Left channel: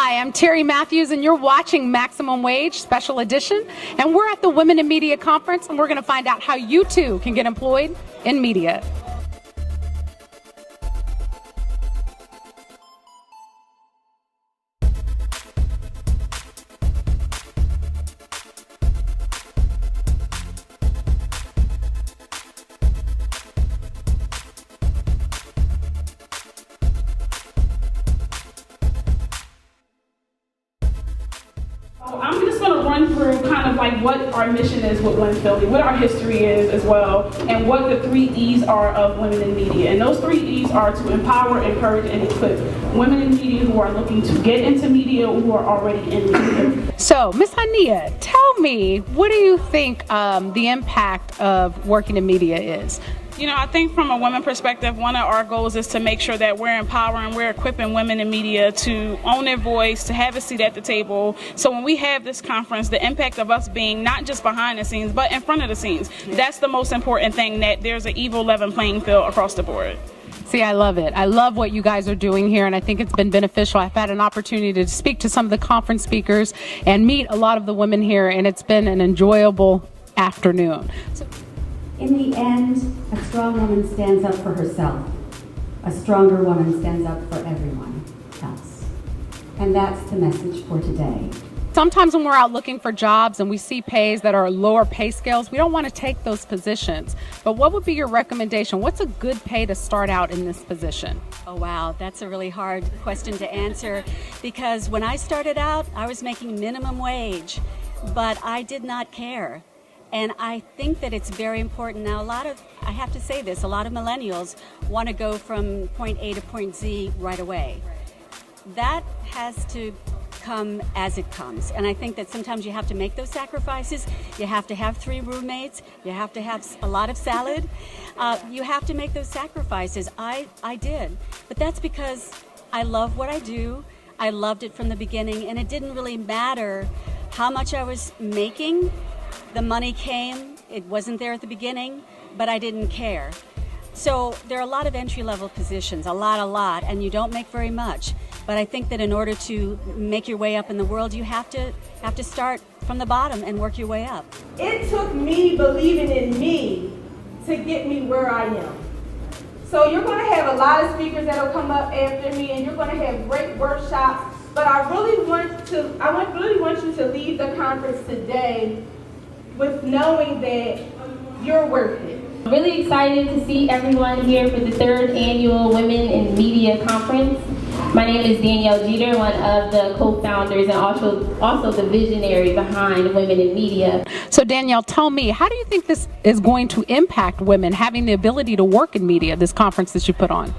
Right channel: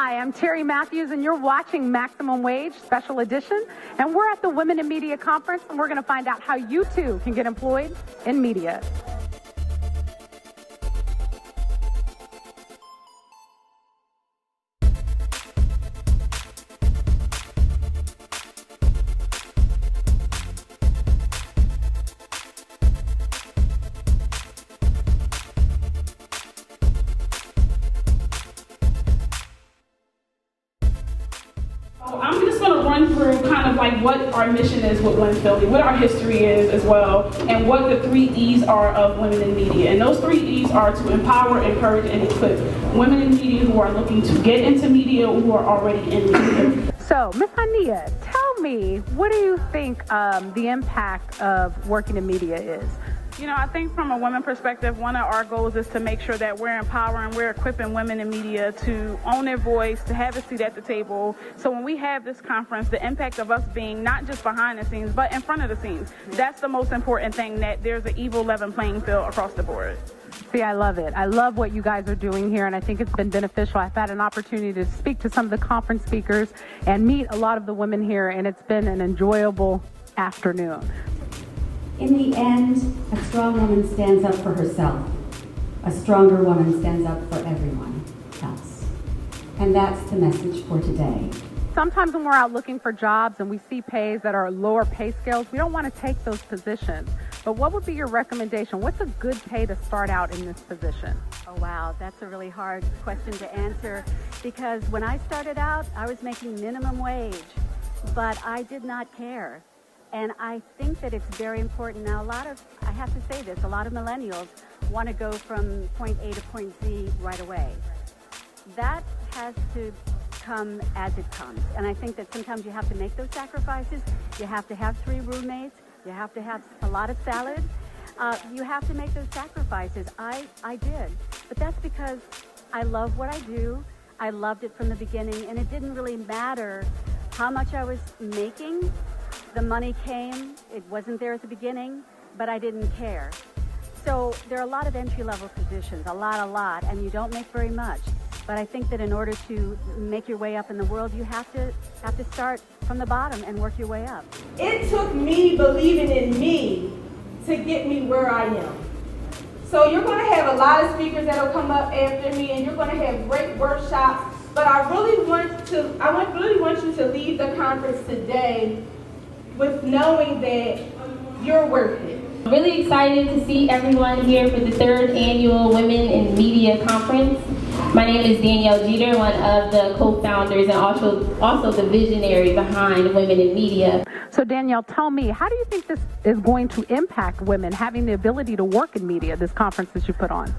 Hi, I'm Terry Matthews, and you're watching Maximum Wage Special Edition. And we're at the Women in Media Conference, and we're going to find out how you too can get employed in media. I'm just going to run through kind of like what our mission is with MyNEWPhilly, what our history is as well, and what the 3 E's are of women in media. And those 3 E's are to empower, encourage, and equip women in media who are looking to get into media or who are already in media. So, Ms. Hania, tell me, what do you think the impact of working in media is? You know, I think from a women perspective, one of our goals is to make sure that we're empowering, we're equipping women in media to own their voice, to have a seat at the table. So when we have this conference, the impact of us being not just behind the scenes, but in front of the scenes, that's the most important thing, that there's an even level playing field across the board. See, I love it. I love what you guys are doing here, and I think it's been beneficial. I've had an opportunity to speak to some of the conference speakers and meet a lot of the women here, and it's been an enjoyable afternoon. In the end, a strong woman stands up for herself. A stronger woman stands up for everyone else. And that's the message for today. Sometimes when we're out looking for jobs and we see pays that are lower pay scales, we don't want to take those positions. But what would be your recommendation? What's a good pay to start out in this position? Oh wow, that's a really hard question to answer, because when I started out, I was making minimum wage, but I did not care. And I think that it's very important. Now, I have to say this, a lot of millennials want to go from point A to point Z right away. That has to come as it comes. And I think that sometimes you have to make those sacrifices. You have to have 3 roommates. You have to have a lot of salad. You have to make those sacrifices. I did. But that's because I love what I do. I loved it from the beginning, and it didn't really matter how much I was making. The money came, it wasn't there at the beginning, but I didn't care. So there are a lot of entry-level positions, a lot, and you don't make very much. But I think that in order to make your way up in the world, you have to start from the bottom and work your way up. It took me believing in me to get me where I am. So you're going to have a lot of speakers that will come up after me, and you're going to have great workshops. But I really want you to leave the conference today with knowing that you're worth it. I'm really excited to see everyone here for the 3rd annual Women in Media Conference. My name is Danielle Jeter, one of the co-founders and also the visionary behind Women in Media. So Danielle, tell me, how do you think this is going to impact women having the ability to work in media, this conference that you put on?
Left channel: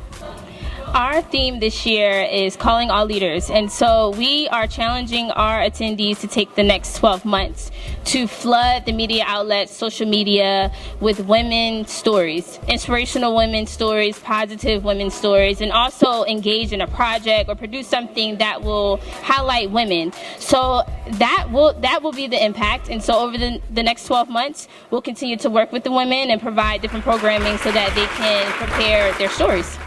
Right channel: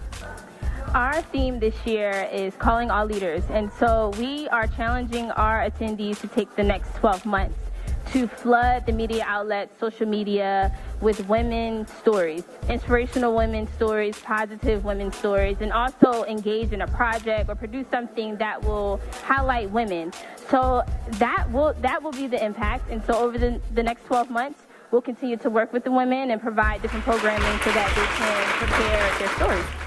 Our theme this year is calling all leaders, and so we are challenging our attendees to take the next 12 months to flood the media outlets, social media, with women's stories, inspirational women's stories, positive women's stories, and also engage in a project or produce something that will highlight women. So that will be the impact, and so over the next 12 months, we'll continue to work with the women and provide different programming so that they can prepare their stories.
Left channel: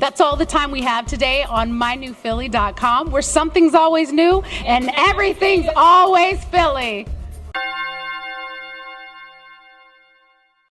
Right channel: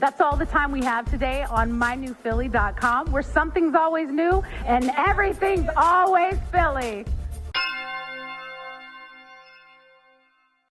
That's all the time we have today on MyNEWPhilly.com, where something's always new and everything's always Philly.